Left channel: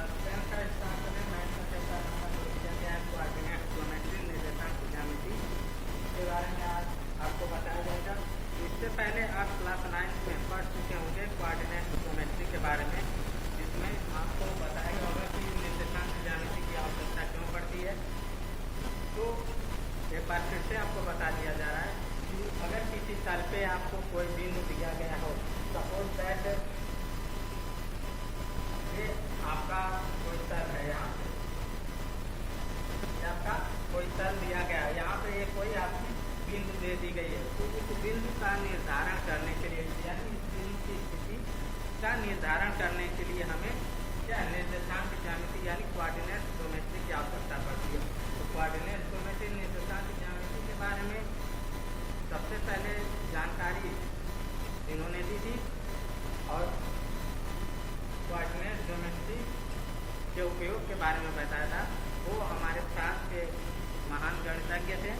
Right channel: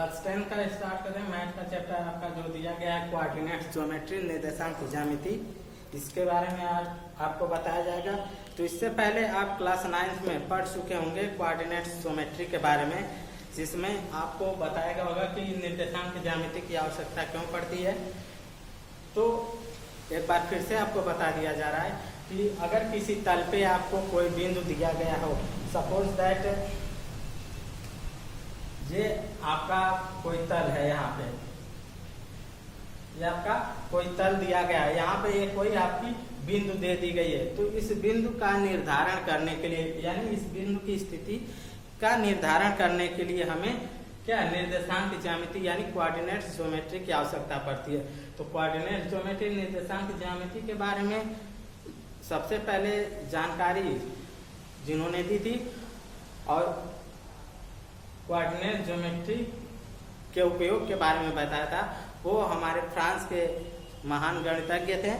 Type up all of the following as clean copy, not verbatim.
Class 10 का start करें। Math का चैप्टर आपका जो दिया गया है कोऑर्डिनेट ज्योमेट्री निर्देशांक ज्यामिति, इसके बारे में आज आपको बताया जाएगा। तो इससे पहले आप क्लास 9 में पढ़ चुके होंगे कोऑर्डिनेट ज्योमेट्री के बारे में, जिसमें आपको बताया गया होगा कि निर्देशांक ज्यामिति की आवश्यकता क्यों पड़ती है। तो एक बार फिर से आपको बता दिया जा रहा है कि अगर किसी तल पे आपको कोई बिंदु दिया गया हो, सपोज दैट ये आपका कोई तल है, यहाँ पे ये आपका कोई तल दिया गया है, यहाँ पे ये कोई आपकी बिंदु दे दी गई है। तो इस बिंदु का निर्धारण करने के लिए, यानी इस बिंदु की स्थिति का निर्धारण करने के लिए हमें क्या निर्देशांक ज्यामिति यानी कोऑर्डिनेट ज्योमेट्री की आवश्यकता पड़ती है। तो कोऑर्डिनेट ज्योमेट्री निर्देशांक ज्यामिति के बारे में सबसे पहले जानकारी जिन्होंने दी थी और कोऑर्डिनेट ज्योमेट्री के उपयोग के बारे में बताया था, वो हमारे फ्रांस के महान गणितज्ञ थे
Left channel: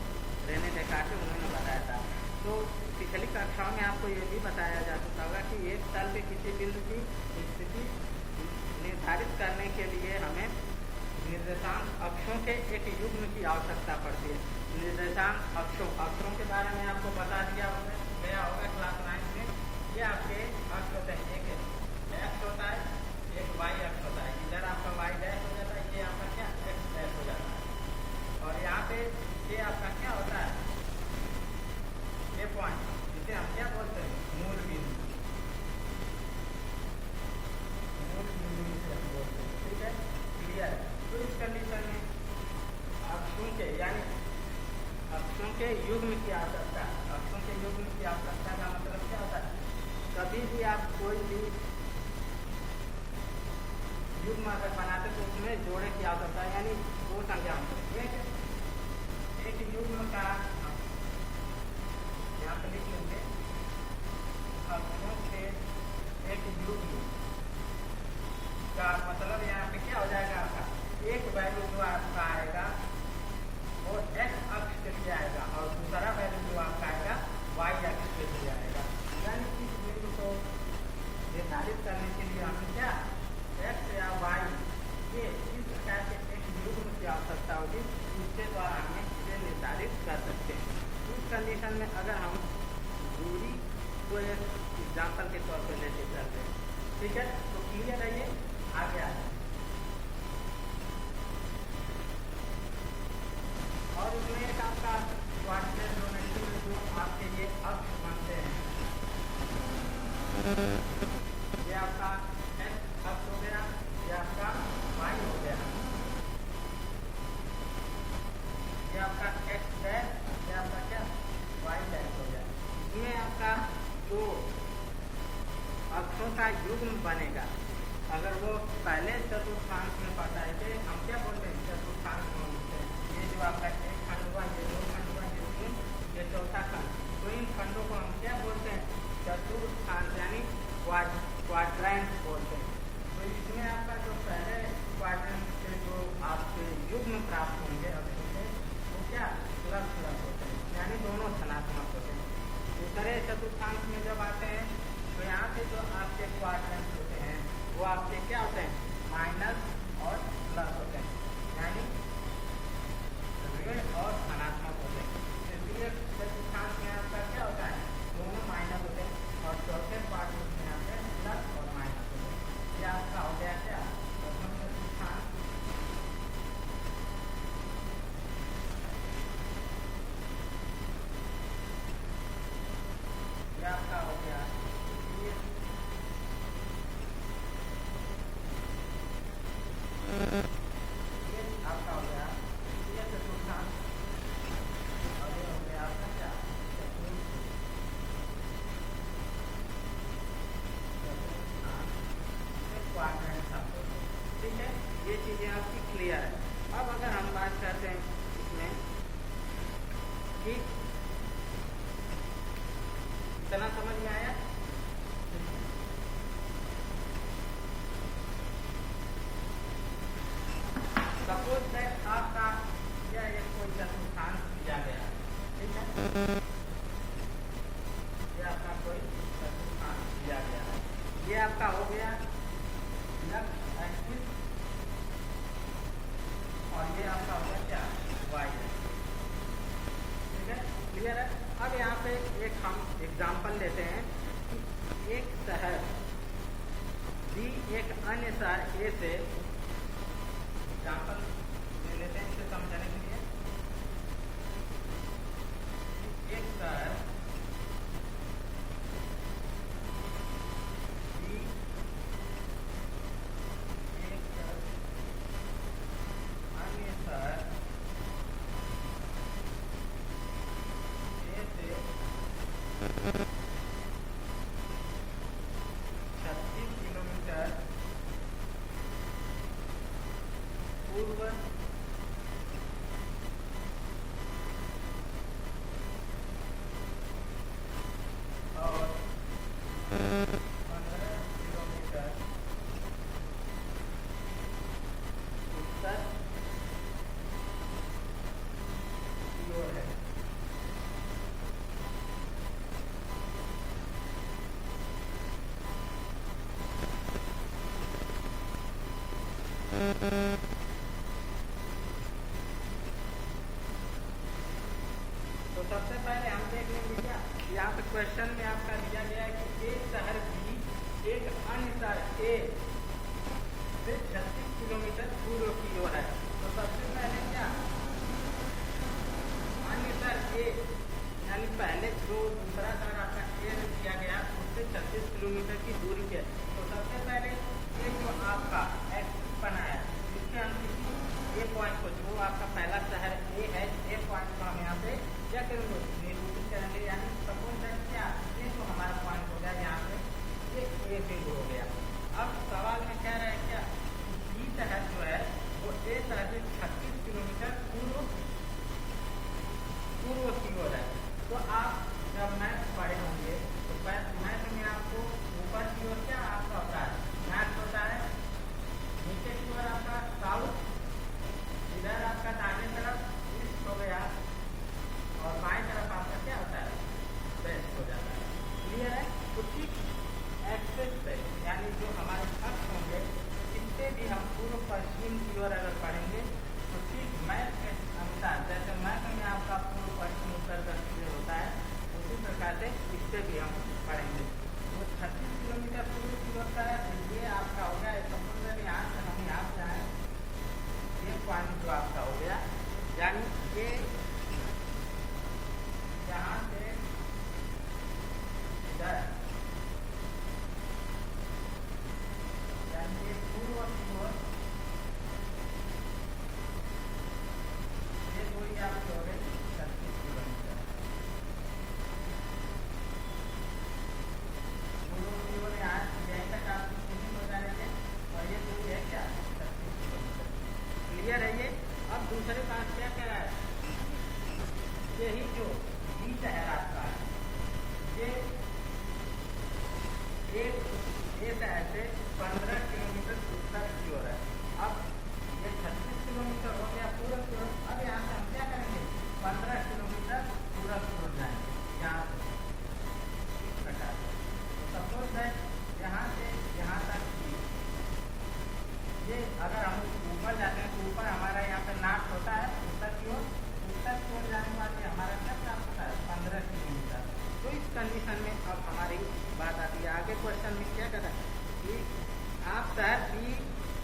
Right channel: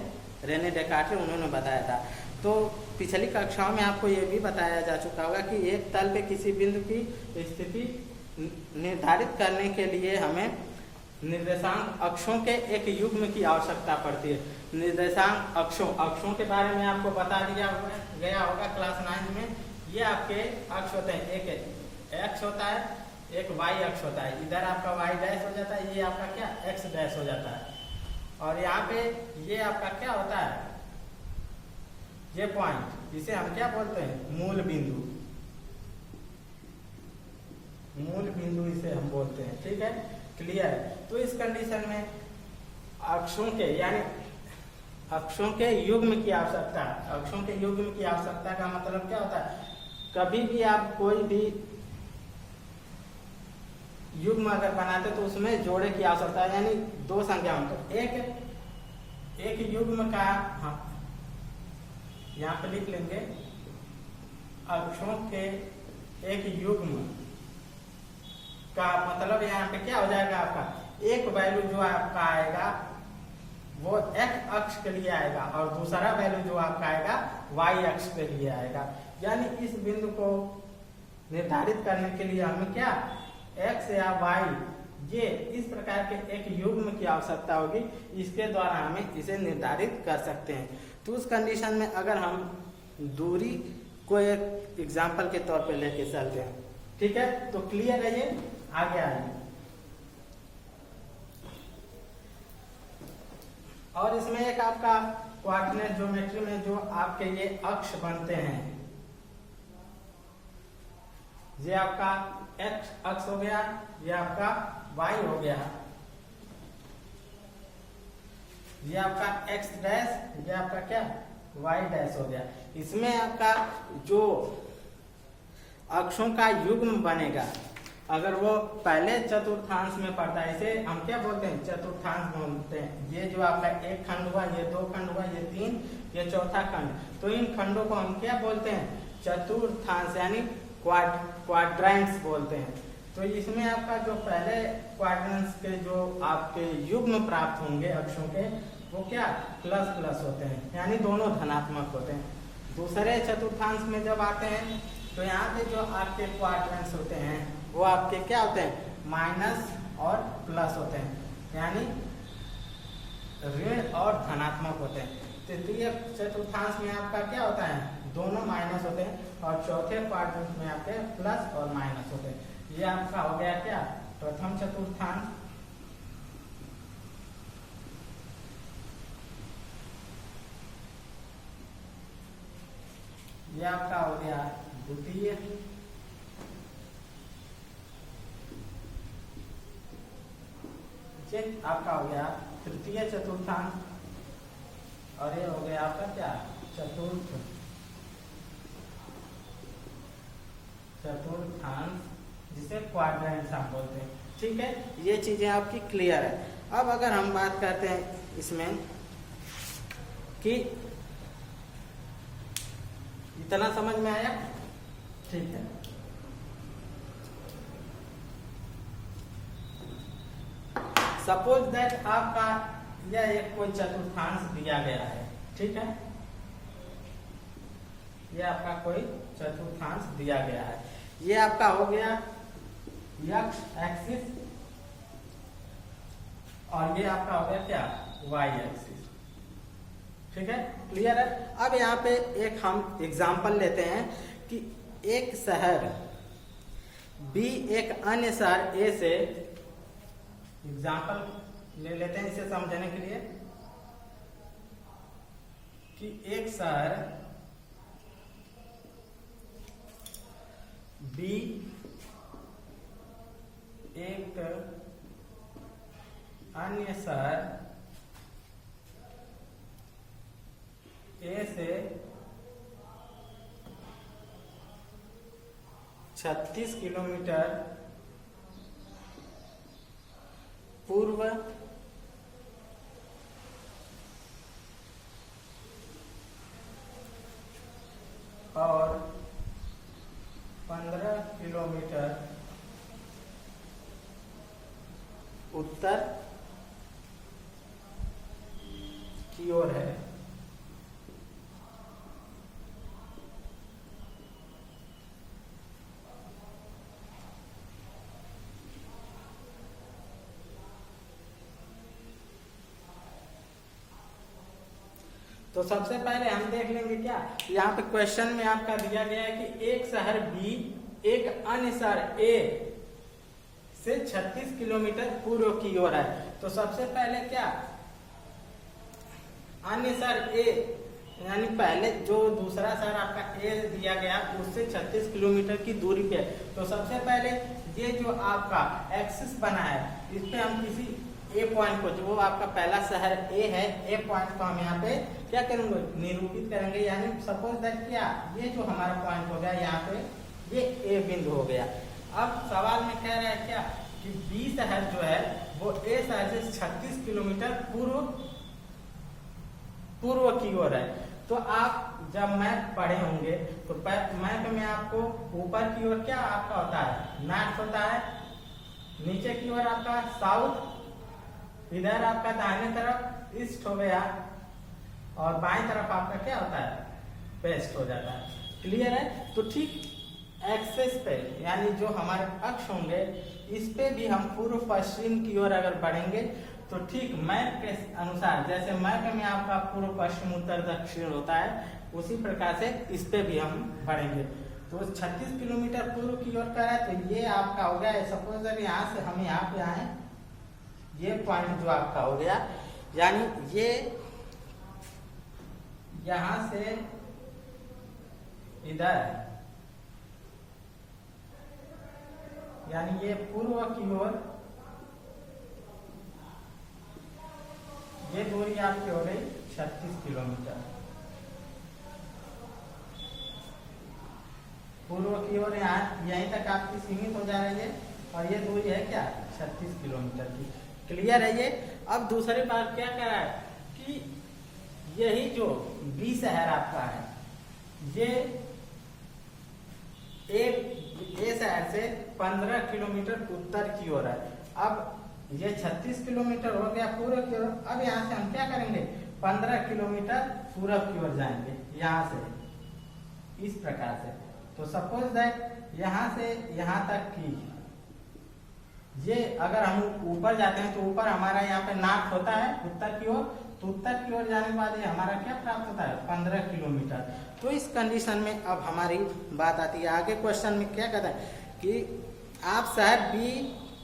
रेने डेकार्ट, उन्होंने बताया था। तो पिछली कक्षाओं में आपको ये भी बताया जा चुका होगा कि एक तल पे किसी बिंदु की स्थिति निर्धारित करने के लिए हमें निर्देशांक अक्षों के एक युग्म की आवश्यकता पड़ती है। निर्देशांक अक्षों के बारे में आपको बता दिया गया होगा क्लास 9 में। ये आपके अक्ष होते हैं, एक एक्स होता है, एक वाई अक्ष होता है। इधर आपका वाई डैश हो जाता है, ये आपका क्या एक्स डैश हो जाता है। और यहाँ पे ये आपका क्या होता है, ये पॉइंट, जिसे हम क्या बोलते हैं, मूल बिंदु। मूल बिंदु इसे हम बोलते हैं, ठीक है, क्लियर। तो इस कंडीशन में अक्षों के यानी अक्षों के युग्म की आवश्यकता, अक्षों के युग्म की आवश्यकता का मतलब क्या होता है, कभी भी आप कोई भी युग्म अगर बनाते तो उसमें जोड़े की आवश्यकता है, यानी दो संख्याओं को एक युग्म का हम यहाँ पे लिख लेंगे, अक्षों के एक युग्म का मतलब यहाँ पे क्या हो जाएगा, आपका एक वैल्यू जो आपका आएगा वो एक्स अक्ष के लिए आएगा और दूसरा वैल्यू जो आपका आएगा वाई अक्ष के लिए आएगा। यानी इस बिंदु को निर्धारित करने के लिए हमें क्या एक्स या वाई, ये इस प्रकार के एक युग्म की आवश्यकता होगी, इसके द्वारा हमें इसे निर्धारित कर सकते हैं। तो उस कंडीशन में अगर हम दूरी को एक एग्जाम्पल के तौर पे लेके चलते हैं, ठीक है, तो क्लियर है, ये आगे आए। और इसमें एक आपका कोऑर्डिनेट ज्योमेट्री में जो आपके ये अक्ष बनते हैं, ये आपका एक्स अक्ष हो गया, ये आपका वाई हो गया, ये आपका एक्स डैश, ये आपका क्या वाई डैश हो गया। इसमें आपका जो अक्षों का युग्म बनेगा, अगर वो पहले चतुर्थांश में पड़ता है, इसे हम क्या बोलते हैं, चतुर्थांश बोलते हैं। ये जो आपका एक खंड हुआ, ये दो खंड हुआ, ये तीन, ये चौथा खंड, तो इन खंडों को हम क्या बोलते हैं, चतुर्थांश यानी क्वाड्रेंट्स बोलते हैं। तो इसमें आपका जो पहले क्वाड्रेंट्स के जो आपके युग्म प्राप्त होंगे अक्षों के, वो क्या प्लस प्लस होते हैं, यानी दोनों धनात्मक होते हैं। दूसरे चतुर्थांश में जब आते हैं तो यहाँ पे जो आपके क्वाड्रेंट्स होते हैं वो आपके क्या होते हैं, माइनस और प्लस होते हैं, यानी ऋण और धनात्मक होते हैं। तो इसलिए चतुर्थांश में आपका क्या होता है, दोनों माइनस होते हैं, और चौथे क्वाड्रेंट में आपके प्लस और माइनस होते हैं। ये आपका हो गया क्या प्रथम चतुर्थांश। ये आपका हो गया द्वितीय, आपका हो गया तृतीय चतुर्थांश, और ये हो गया आपका क्या चतुर्थांश, जिसे क्वाड्रेंट्स आप बोलते हैं, ठीक है। ये चीजें आपकी क्लियर है। अब अगर हम बात करते हैं इसमें कि इतना समझ में आया, ठीक है। सपोज दैट आपका यह एक कोई चतुर्थांश दिया गया है, ठीक है, ये आपका कोई चतुर्थांश दिया गया है। ये आपका हो गया एक्स एक्सिस और ये आपका हो गया क्या, वाई एक्सिस। ठीक है, क्लियर है। अब यहाँ पे एक हम एग्जाम्पल लेते हैं कि एक शहर बी एक अन्य शहर ए से, एग्जाम्पल ले लेते हैं इसे समझने के लिए कि एक शहर बी एक अन्य शहर ए से 36 किलोमीटर पूर्व और 15 किलोमीटर उत्तर की ओर है। तो सबसे पहले हम देख लेंगे क्या, यहाँ पे क्वेश्चन में आपका दिया गया है कि एक शहर बी एक अन्य शहर ए से 36 किलोमीटर पूर्व की ओर है। तो सबसे पहले क्या, अन्य शहर ए यानी पहले जो दूसरा शहर आपका ए दिया गया उससे 36 किलोमीटर की दूरी पे। तो सबसे पहले ये जो आपका एक्सिस बना है इस पे हम किसी ए पॉइंट को, जो आपका पहला शहर ए है, ए पॉइंट को हम यहाँ पे क्या करेंगे, निरूपित करेंगे। यानी सपोज दैट क्या, ये जो हमारा पॉइंट हो गया यहाँ पे ये ए बिंदु हो गया। अब सवाल में कह रहा है क्या कि बी शहर जो है वो ए शहर से 36 किलोमीटर पूर्व की ओर है। तो आप जब मैप पढ़े होंगे तो मैप में आपको ऊपर की ओर क्या आपका होता है, नॉर्थ होता है, नीचे की ओर आपका साउथ, इधर आपका दाहिने तरफ ईस्ट हो गया और बाएं तरफ आपका क्या होता है, वेस्ट हो जाता है। क्लियर है। तो ठीक एक्सेस पे यानी जो हमारे अक्ष होंगे इस पे भी हम पूर्व पश्चिम की ओर अगर बढ़ेंगे तो ठीक मैप के अनुसार, जैसे मैप में आपका पूर्व पश्चिम उत्तर दक्षिण होता है उसी प्रकार से इस पे भी हम बढ़ेंगे। तो 36 किलोमीटर पूर्व की ओर का है तो ये आपका हो गया, सपोज अगर यहाँ से हम यहाँ पे आए, ये पॉइंट जो आपका हो गया यानी ये यहाँ से इधर यानी ये पूर्व की ओर ये दूरी आपकी हो गई 36 किलोमीटर पूर्व की ओर, यहाँ यहीं तक आपकी सीमित हो जा रही है और ये दूरी है क्या 36 किलोमीटर की। क्लियर है ये। अब दूसरी बात क्या कह रहा है कि यही जो बी शहर आपका है ये ए शहर से 15 किलोमीटर उत्तर की ओर है। अब ये 36 किलोमीटर हो गया पूर्व की ओर। अब यहाँ से हम क्या करेंगे, 15 किलोमीटर पूर्व की ओर जाएंगे यहाँ से इस प्रकार से। तो सपोज दैट यहाँ से यहाँ तक की ये अगर हम ऊपर जाते हैं तो ऊपर हमारा यहाँ पे नॉर्थ होता है उत्तर की ओर, उत्तर की ओर जाने के बाद ये हमारा क्या प्राप्त होता है 15 किलोमीटर। तो इस कंडीशन में अब हमारी बात आती है आगे क्वेश्चन में क्या कहता है कि आप शहर बी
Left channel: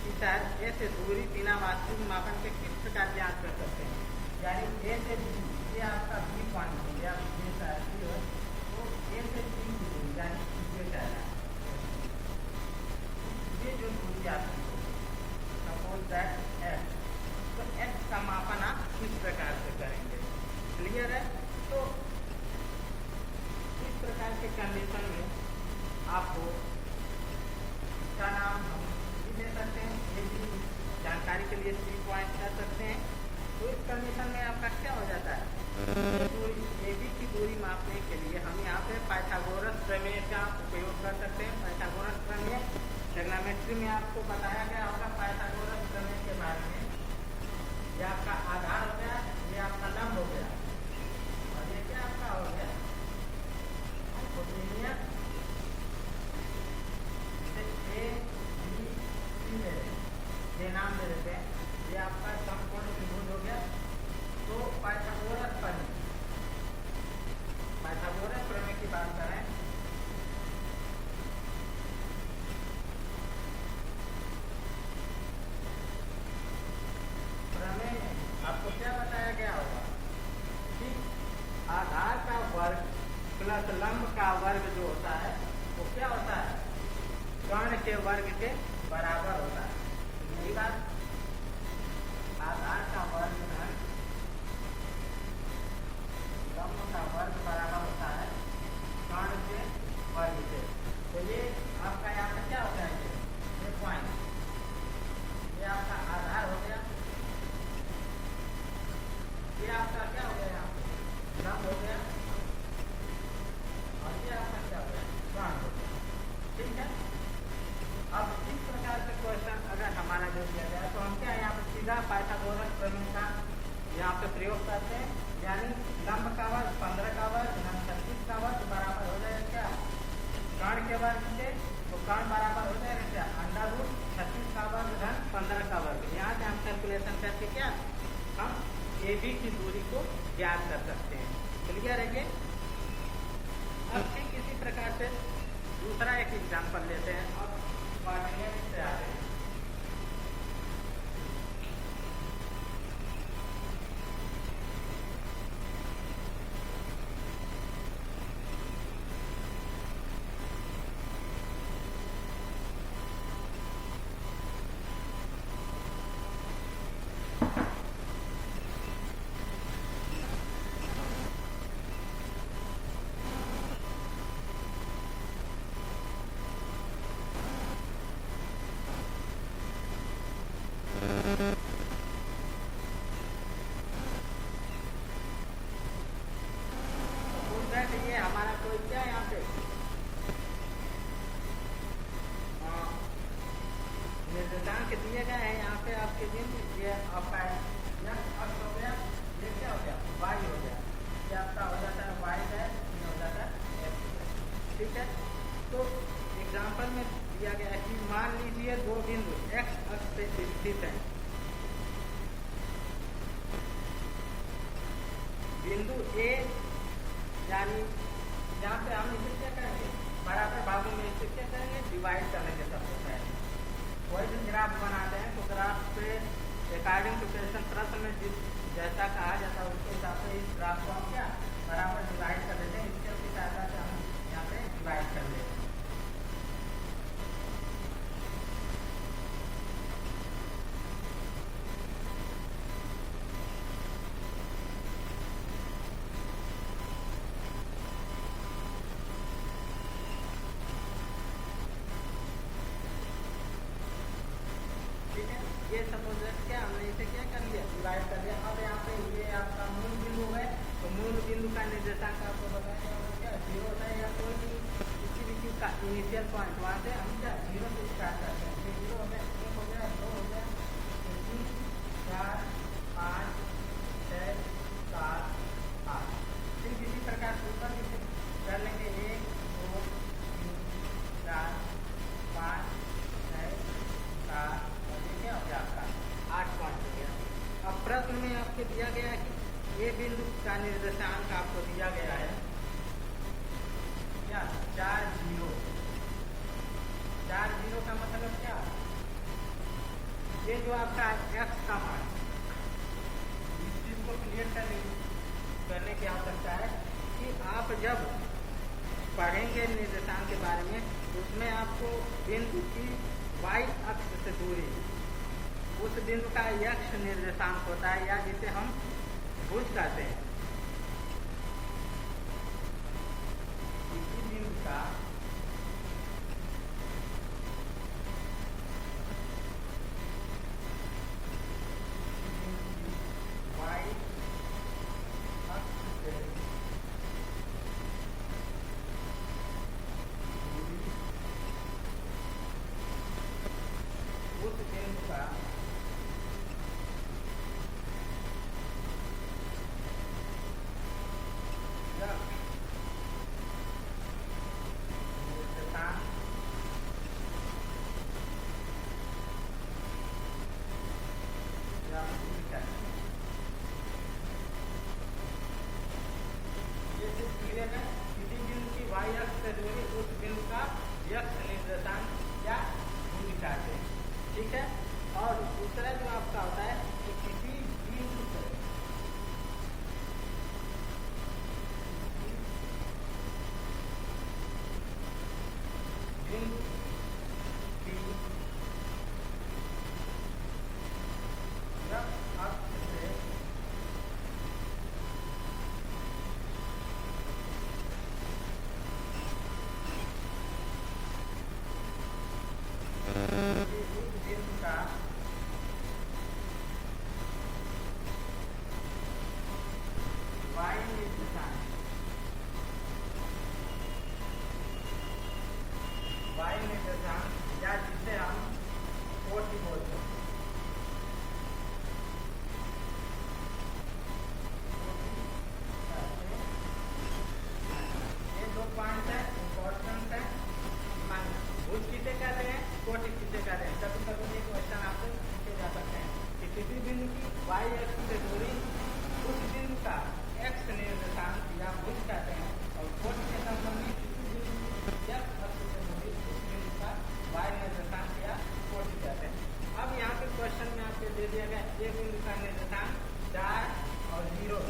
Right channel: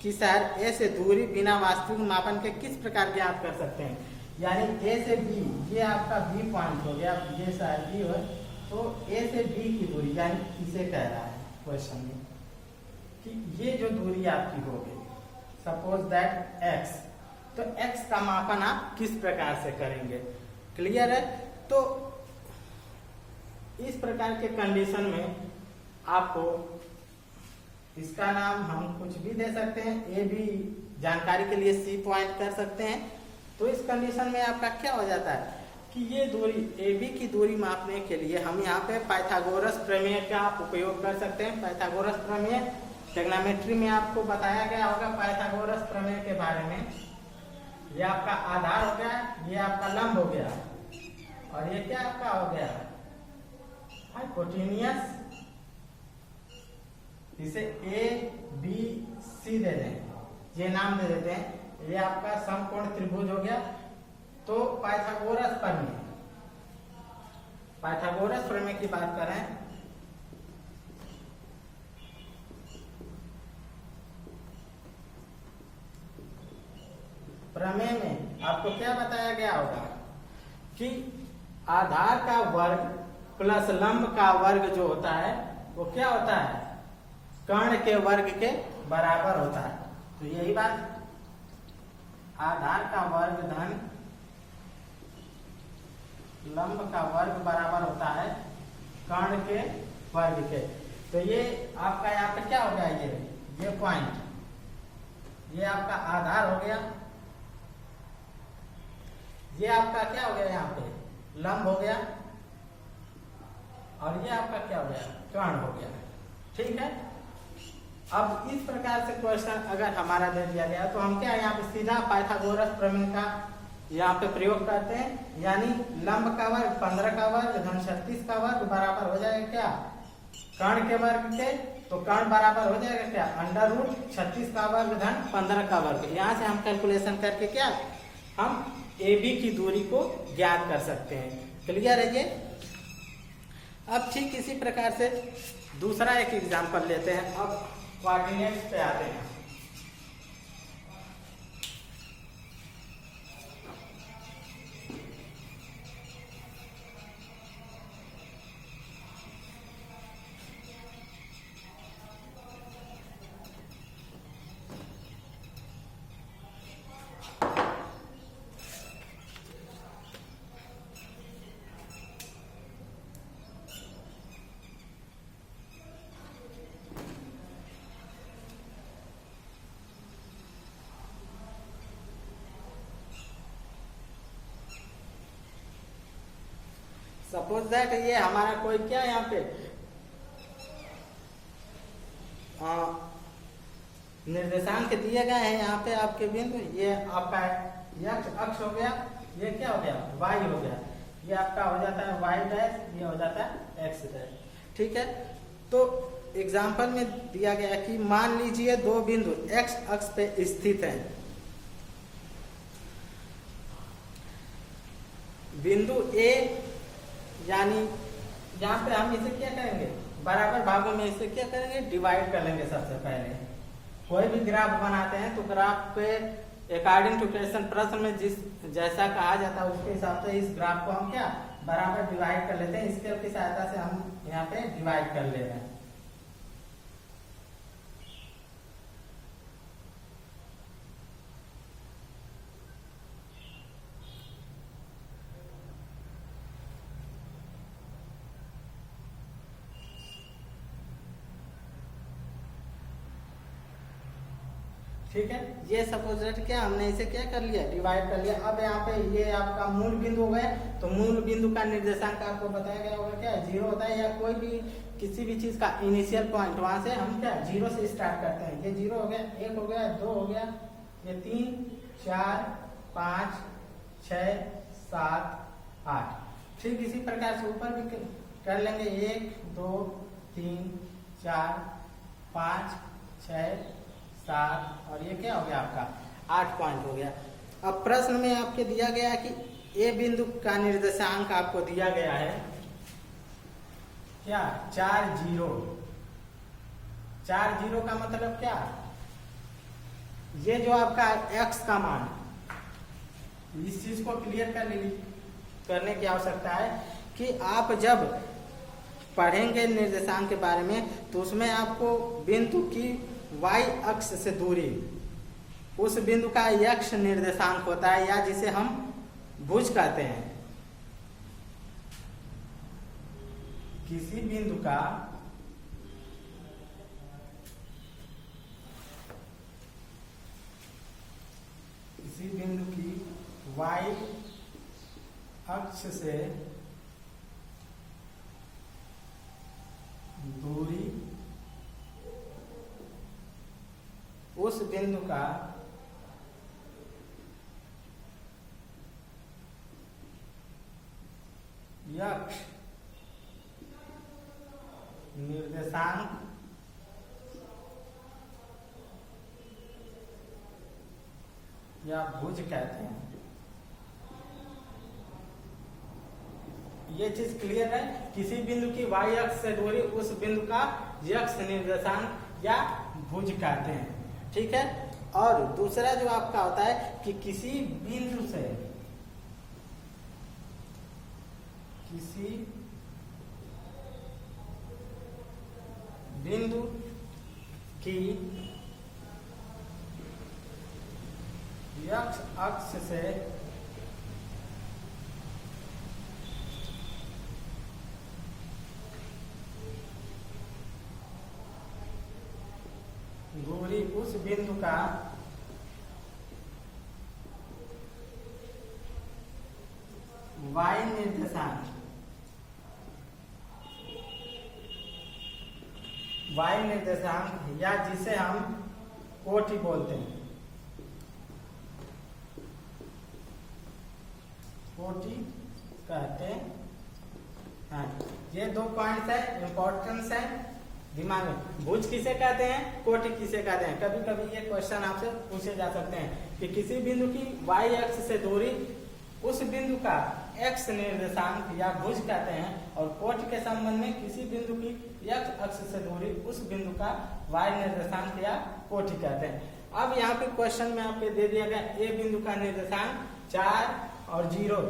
की शहर ए से दूरी बिना वास्तविक मापन के किस प्रकार ज्ञात कर सकते हैं। यानी ए से बी, ये आपका बी पॉइंट हो गया, ये शहर बी हो तो ए से बी की दूरी यानी किसे कह रहा है क्वेश्चन में, ये जो दूरी आपकी होगी सपोज दैट x, तो x का मापन आप किस प्रकार से करेंगे। क्लियर है। तो इस प्रकार के कंडीशन में आपको इसका नाम हम कुछ भी दे सकते हैं, ए भी जानकारी के लिए सी पॉइंट कर सकते हैं। तो इस कंडीशन में आपका क्या हो जाता है, ये दूरी ए बी की दूरी मापने के लिए हम यहाँ पे पाइथागोरस प्रमेय का आप उपयोग कर सकते हैं। पाइथागोरस प्रमेय ट्रिग्नोमेट्री में आपको बताया गया होगा पाइथागोरस प्रमेय के बारे में। ये आपका आधार हो गया, ये आपका लंब हो गया और ये क्या आपका हो गया हाइपोटेन्यूस, जिसे ए बी सी दे दें, ये नाम दे देते हैं। ये आपका समकोण त्रिभुज हो गया। तो पाइथागोरस प्रमेय की बात करें, प्रमेय में आपको क्या बताया गया होगा कि आधार का वर्ग प्लस लंब का वर्ग जो होता है वो क्या होता है, कर्ण के वर्ग के बराबर होता है। तो यही बात, आधार का वर्ग धन लंब का वर्ग बराबर होता है कर्ण के वर्ग के। तो ये आपका यहाँ पे क्या हो गया, ये पॉइंट, ये आपका आधार हो गया, ये आपका क्या हो गया, यहाँ पे लंब हो गया, और ये आपका क्या हो गया, कर्ण हो गया। ठीक है। अब इस प्रकार से क्वेश्चन अगर हमारा दे दिया गया तो हम क्या यहाँ पे सीधा पाइथागोरस प्रमेय का यहाँ पे प्रयोग करते हैं, यानी लंब का वर्ग 15 का वर्ग धन 36 का वर्ग बराबर हो जाएगा क्या, कर्ण के वर्ग के। तो कर्ण बराबर हो जाएगा क्या, अंडर रूट 36 का वर्ग धन 15 का वर्ग। यहाँ से हम कैलकुलेशन करके क्या हम AB की दूरी को ज्ञात कर सकते हैं। क्लियर है ये। अब ठीक इसी प्रकार से दूसरा एक एग्जाम्पल लेते हैं। अब कोऑर्डिनेट्स पे आते हैं। सपोज दैट ये हमारा कोई क्या यहाँ पे निर्देशांक दिए गए हैं यहाँ पे आपके बिंदु, ये आपका x अक्ष हो गया, ये क्या हो गया y हो गया, ये आपका हो जाता है y डैश, ये हो जाता है x डैश। ठीक है। तो एग्जाम्पल में दिया गया है कि मान लीजिए दो बिंदु x अक्ष पे स्थित हैं। बिंदु A यानी यहाँ पे हम इसे क्या करेंगे, बराबर भागों में इसे क्या करेंगे, डिवाइड कर लेंगे। सबसे पहले कोई भी ग्राफ बनाते हैं तो ग्राफ पे अकॉर्डिंग टू क्वेश्चन प्रश्न में जिस जैसा कहा जाता है उसके हिसाब से इस ग्राफ को हम क्या बराबर डिवाइड कर लेते हैं। स्केल की सहायता से हम यहाँ पे डिवाइड कर ले रहे हैं। ठीक है। ये सपोज क्या हमने इसे क्या कर लिया, डिवाइड कर लिया। अब यहाँ पे ये आपका मूल बिंदु हो गए, तो मूल बिंदु का निर्देशांक आपको बताया गया होगा क्या, 0 होता है, या कोई भी किसी भी चीज का इनिशियल पॉइंट वहां से हम क्या 0 से स्टार्ट करते हैं। ये 0 हो गया, 1 हो गया, 2 हो गया, ये 3 4 5 6 7 8। ठीक इसी प्रकार से ऊपर भी कर लेंगे, 1 2 3 4 5 6 7 और ये क्या हो गया आपका 8 पॉइंट हो गया। अब प्रश्न में आपके दिया गया है कि ए बिंदु का निर्देशांक आपको दिया गया है क्या 4 0। 4 0 का मतलब क्या, ये जो आपका x का मान, इस चीज को क्लियर करने की आवश्यकता है कि आप जब पढ़ेंगे निर्देशांक के बारे में तो उसमें आपको बिंदु की y अक्ष से दूरी, उस बिंदु का x निर्देशांक होता है, या जिसे हम भुज कहते हैं। किसी बिंदु का की y अक्ष से दूरी उस बिंदु का x निर्देशांक या भुज कहते हैं। ये चीज क्लियर है। किसी बिंदु की y अक्ष से दूरी उस बिंदु का यक्ष निर्देशांक या भुज कहते हैं। ठीक है। और दूसरा जो आपका होता है कि किसी बिंदु से बिंदु की यक्ष अक्ष से दूरी उस बिंदु का y निर्देशांक या जिसे हम कोटि बोलते हैं, कोटि कहते हैं। ये दो पॉइंट है, इंपॉर्टेंस है दिमाग में। भुज किसे कहते हैं, कोटि किसे कहते हैं। कभी कभी ये क्वेश्चन आपसे पूछे जा सकते हैं कि किसी बिंदु की y अक्ष से दूरी उस बिंदु का x निर्देशांक या भुज कहते हैं, और कोटि के संबंध में किसी बिंदु की x अक्ष से दूरी उस बिंदु का y निर्देशांक या कोटि कहते हैं। अब यहाँ पे क्वेश्चन में आपको दे दिया गया ए बिंदु का निर्देशांक 4 और 0,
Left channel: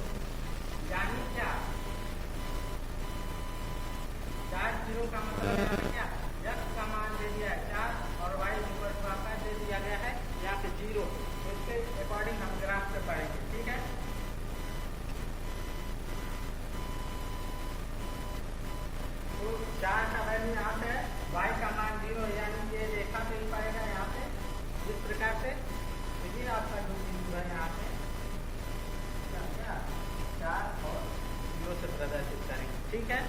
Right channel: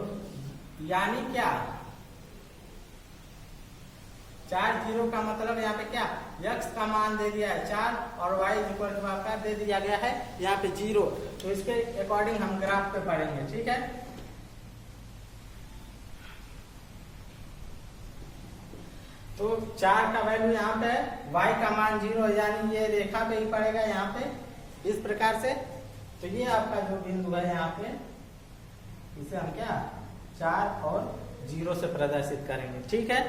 यानी क्या 4 0 का मतलब यहाँ पे क्या x का मान दे दिया है 4 और y आपका दे दिया गया है यहाँ पे 0। तो इसके अकॉर्डिंग हम ग्राफ पे पढ़ेंगे। ठीक है। तो 4 का वैल्यू यहाँ पे है, y का मान 0, यानी ये रेखा पे ही पड़ेगा यहाँ पे इस प्रकार से। तो ये आपका जो बिंदु है यहाँ पे इसे हम क्या 4 और 0 से प्रदर्शित करेंगे। ठीक है।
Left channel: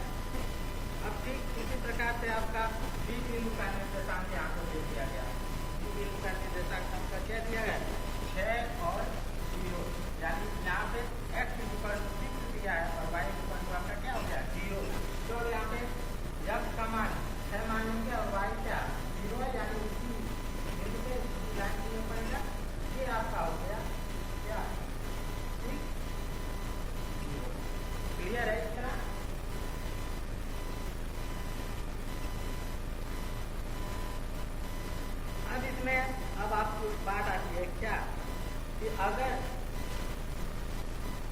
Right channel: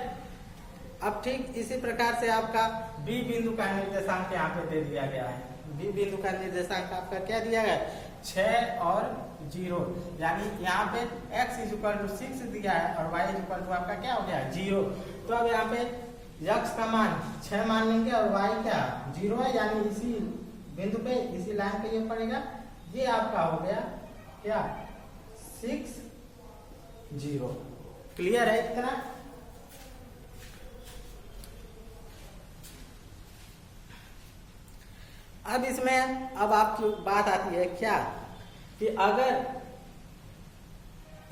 अब ठीक इसी प्रकार से आपका B बिंदु का निर्देशांक यहाँ पे दे दिया गया है। B बिंदु का निर्देशांक आपका क्या दिया गया है 6 और 0, यानी यहाँ पे x = 6 दिया है और y = आपका क्या हो गया 0। तो अब यहाँ पे x का मान 6 मान लेंगे और y क्या 0 है, यानी इसी बिंदु पे इसी लाइन पे ये पड़ेगा। ये आपका हो गया क्या 6 0। क्लियर है इतना। अब इसमें अब आपकी बात आती है क्या कि अगर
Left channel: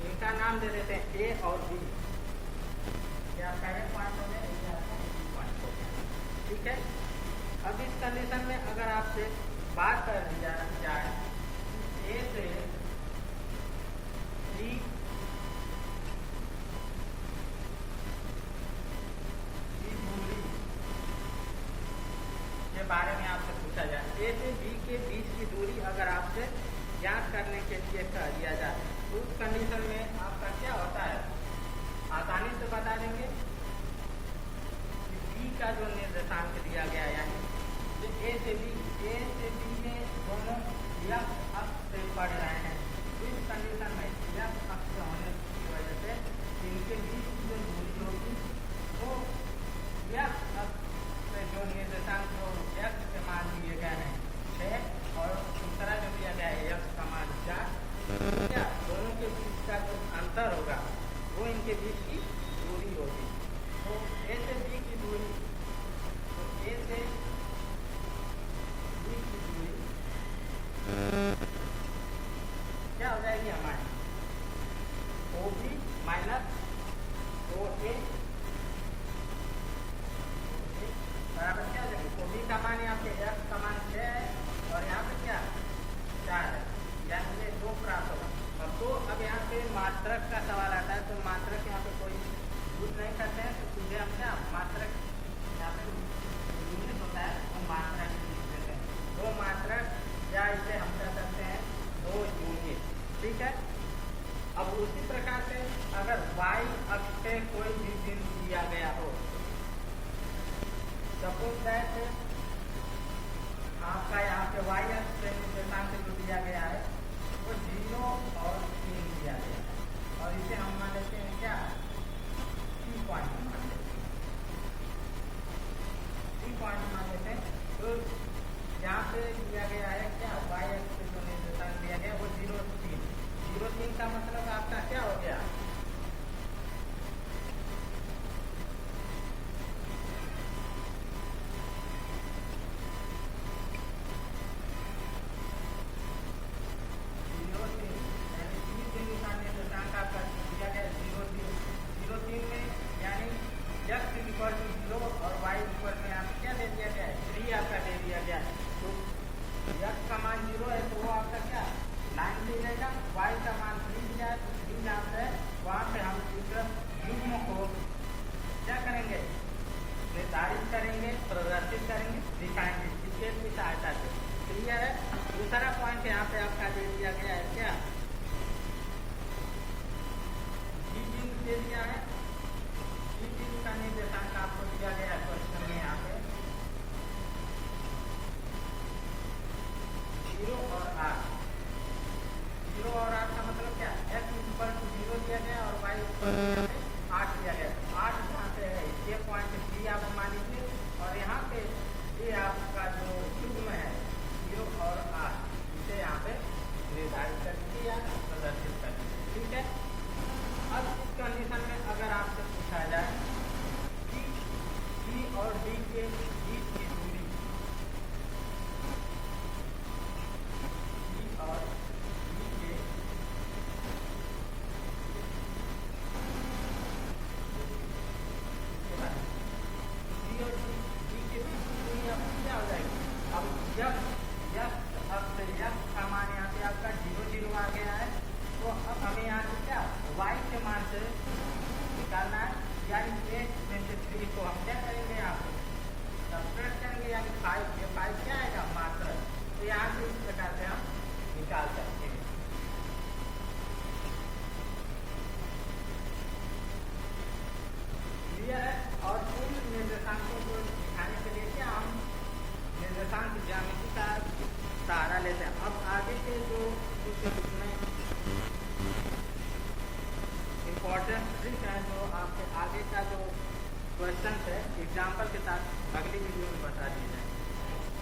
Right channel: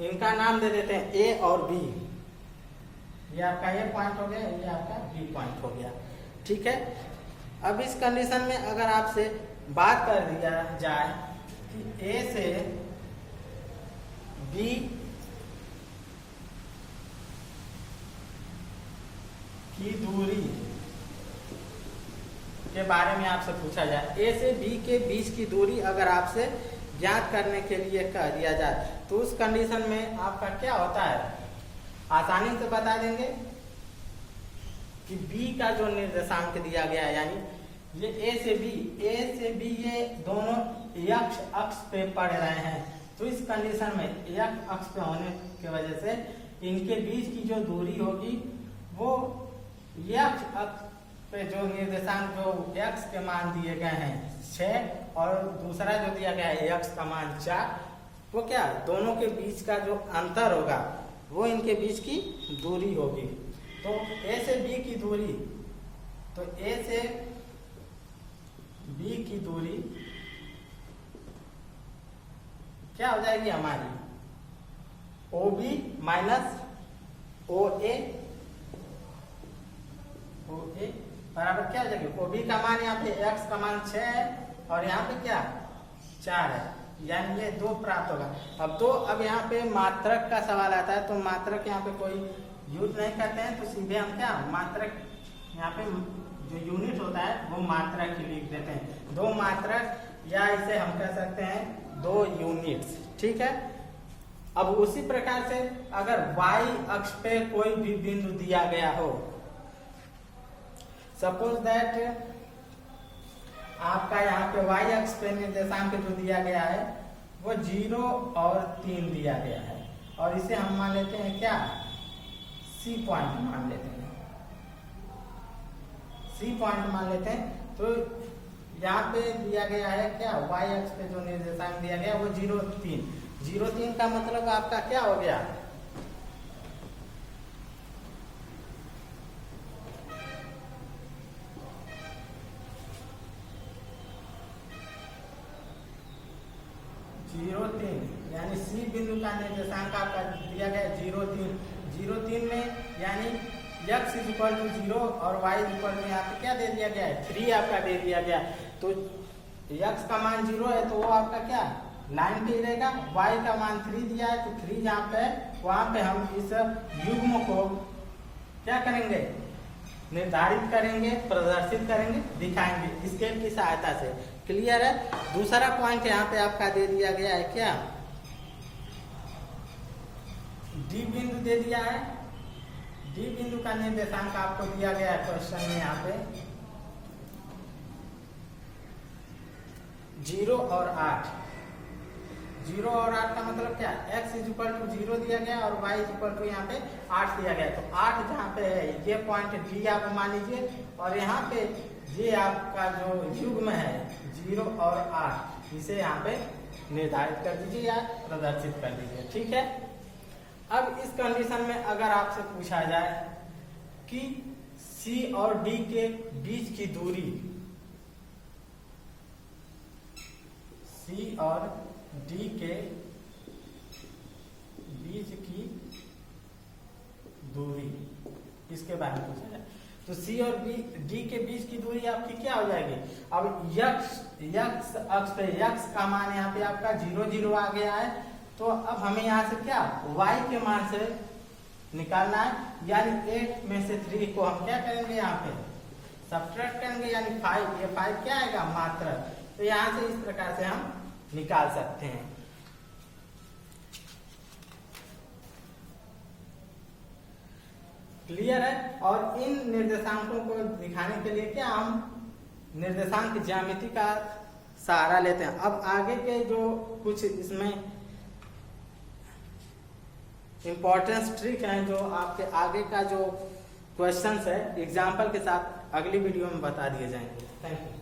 इनका नाम दे देते हैं A और B, ये आपका A पॉइंट हो गया, ये आपका B पॉइंट हो गया। ठीक है। अब इस कंडीशन में अगर आपसे बात कर दिया जाए कि A से B की दूरी के बारे में आपसे पूछा जाए, A से B के बीच की दूरी अगर आपसे ज्ञात करने के लिए कह दिया जाए, तो उस कंडीशन में आपका क्या होता है, आसानी से बता देंगे कि B का जो निर्देशांक दिया गया है, यानी ये A से B ये दोनों यक्ष अक्ष पे पड़ रहे हैं। तो इस कंडीशन में यक्ष अक्ष पे होने की वजह से इनके बीच की जो दूरी होगी वो यक्ष अक्ष पे जो निर्देशांक जो x के मान दिए गए हैं 6 और दूसरा जो दिया गया है x का मान 4, तो क्या दोनों के बीच का जो अंतर होगा वो इनके बीच की दूरी होगी। तो A से B की दूरी, तो A से B की दूरी क्या हो जाएगी हमारी OB माइनस OA बराबर क्या हो जाएगी OB का मान यहाँ पे x का मान 6 है और यहाँ पे क्या 4 है, यानी ये 2 प्राप्त होगा। अब यहाँ पे मात्रक का सवाल आता है, तो मात्रक यहाँ पे कोई यूज नहीं करते हैं, तो सीधे हम क्या मात्रक यहाँ पे जो यूनिट होता है वो मात्रक ही लिख देते हैं, 2 मात्रक, या इसे हम कह सकते हैं 2 यूनिट्स। ठीक है। अब उसी प्रकार से अगर y अक्ष पे कोई भी बिंदु दिया गया हो, सपोज दैट आपका यहाँ पे y अक्ष पे निर्देशांक जो दिया गया है वो 0 और 3 दिया गया है, और इसे हम मान लेते हैं क्या C पॉइंट मान लेते हैं, C पॉइंट मान लेते हैं। तो यहाँ पे दिया गया है क्या, y अक्ष पे जो निर्देशांक दिया गया वो 0,3। 0,3 का मतलब आपका क्या हो गया, यानी सी बिंदु का निर्देशांक आपका दिया गया 0,3। 0,3 में यानी x इक्वल टू 0 और y इक्वल टू यहाँ पे क्या दे दिया गया है, 3 आपका दे दिया गया। तो x का मान 0 है तो वो आपका क्या लाइन पे रहेगा, y का मान 3 दिया है तो 3 जहाँ पे वहाँ पे हम इस युग्म को क्या करेंगे, निर्धारित करेंगे, प्रदर्शित करेंगे, दिखाएंगे स्केल की सहायता से। क्लियर है। दूसरा पॉइंट यहाँ पे आपका दे दिया गया है क्या, डी बिंदु दे दिया है। डी बिंदु का निर्देशांक आपको दिया गया है क्वेश्चन में यहाँ पे 0 और 8। 0 और 8 का मतलब क्या, x इक्वल टू 0 दिया गया और y इक्वल टू यहाँ पे 8 दिया गया। तो 8 जहाँ पे है ये पॉइंट डी आप मान लीजिए और यहाँ पे ये आपका जो युग्म है 0 और 8 इसे यहाँ पे निर्धारित कर दीजिए या प्रदर्शित कर दीजिए। ठीक है। अब इस कंडीशन में अगर आपसे पूछा जाए कि C और D के बीच की दूरी, C और D के बीच की दूरी, इसके बारे में तो C और D के बीच की दूरी आपकी क्या हो जाएगी। अब x अक्ष पे x का मान यहाँ पे आपका 0, 0 आ गया है। तो अब हमें यहाँ से क्या y के मान से निकालना है, यानी 8 में से 3 को हम क्या करेंगे यहाँ पे सब्ट्रैक्ट करेंगे, यानी 5। ये 5 क्या आएगा मात्र। तो यहाँ से इस प्रकार से हम निकाल सकते हैं। क्लियर है। और इन निर्देशांकों को दिखाने के लिए क्या हम निर्देशांक ज्यामिति का सहारा लेते हैं। अब आगे के जो कुछ इसमें इम्पोर्टेंस ट्रिक है जो आपके आगे का जो क्वेश्चंस है एग्जाम्पल के साथ अगली वीडियो में बता दिए जाएंगे। Thank you.